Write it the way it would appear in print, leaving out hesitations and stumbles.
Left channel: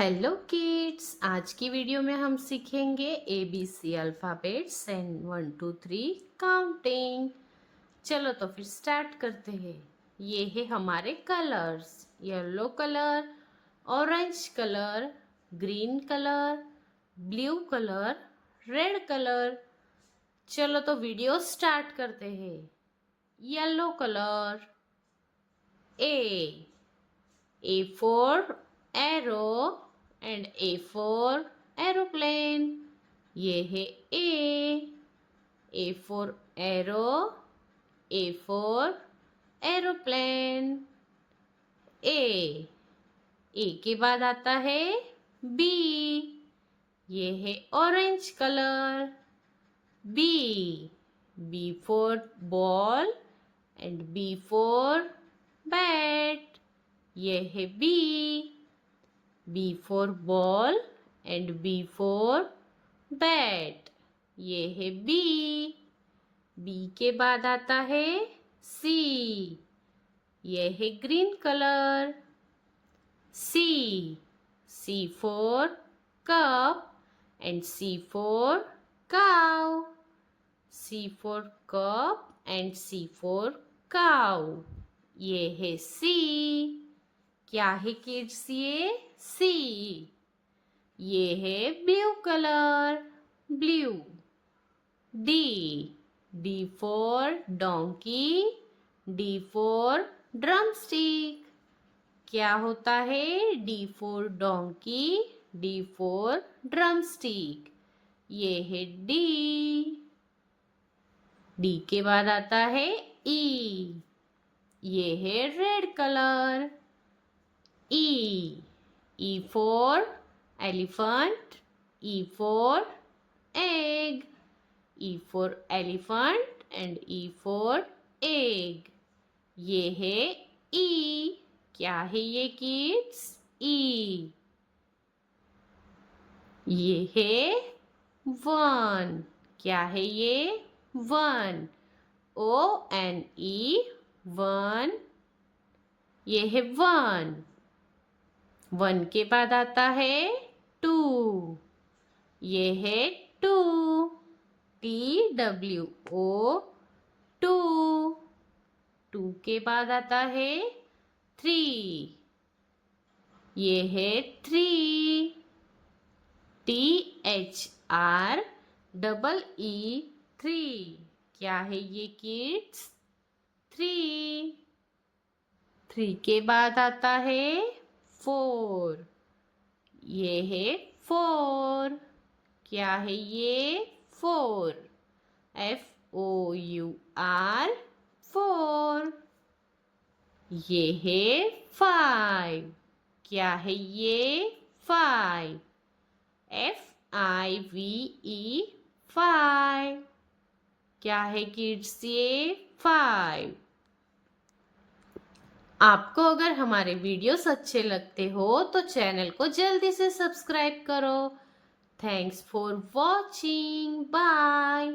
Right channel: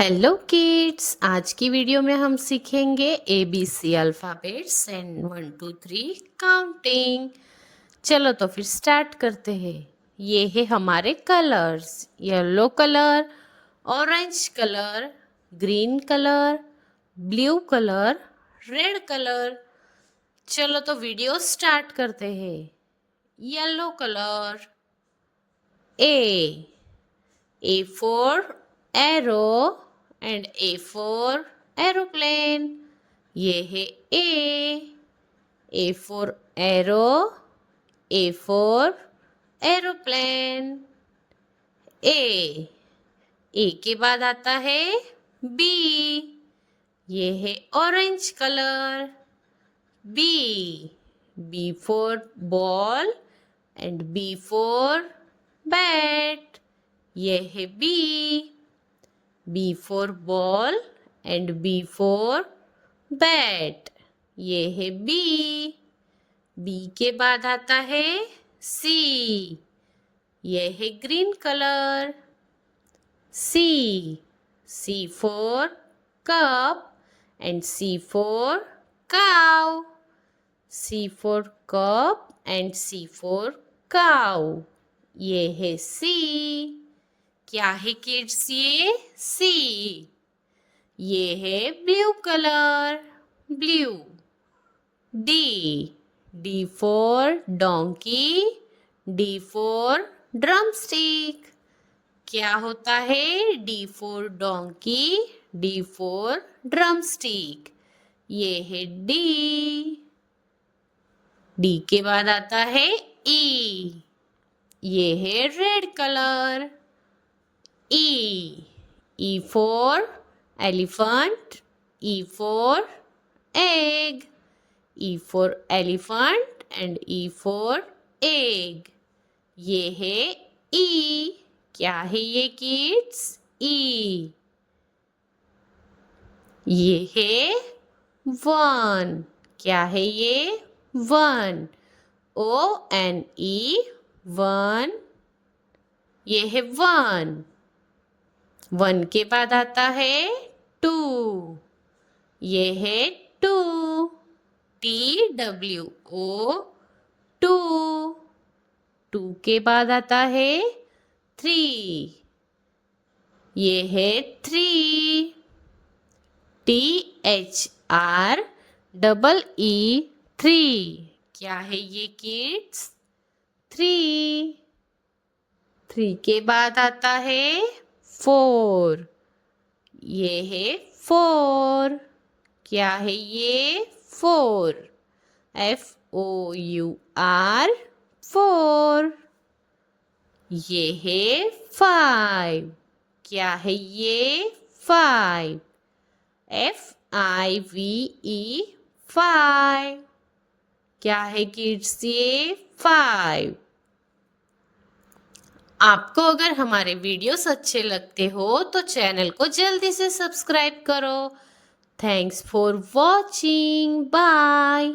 Hello kids, आज की video में हम सीखेंगे ABC अल्फ़ाबेट्स एंड 1 2 3 काउंटिंग। चलो तो फिर स्टार्ट करते हैं। ये है हमारे colours, yellow colour, orange colour, green colour, blue colour, red colour. चलो तो वीडियो स्टार्ट करते हैं। Yellow colour, A for arrow and A for aeroplane. ये है A for arrow, A for aeroplane. A के बाद आता है B. ये है orange colour. B for ball and B for bat. ये है B for ball and B for bat. ये है B के बाद आता है C. ये है green colour. C for cup and C for cow. C for cup and C for cow. ये है C. क्या है किड्स ये? C. ये है blue colour, blue. D for donkey, D for drumstick. क्या होता है? D for donkey, D for drumstick. ये है D के बाद आता है E. ये है red colour. E for elephant, E for egg. E for elephant and E for egg. ये है E. क्या है ये किड्स? E. ये है 1. क्या है ये? 1. ONE 1. ये है 1. 1 के बाद आता है 2. ये है 2. TWO 2. 2 के बाद आता है 3. ये है 3. THREE 3. क्या है ये किड्स? 3. 3 के बाद आता है 4. ये है 4. क्या है ये? 4. FOUR 4. ये है 5. क्या है ये? 5. FIVE 5. क्या है किड्स ये? 5. आपको अगर हमारे वीडियोस अच्छे लगते हो तो चैनल को जल्दी से सब्सक्राइब करो. Thanks for watching. बाय.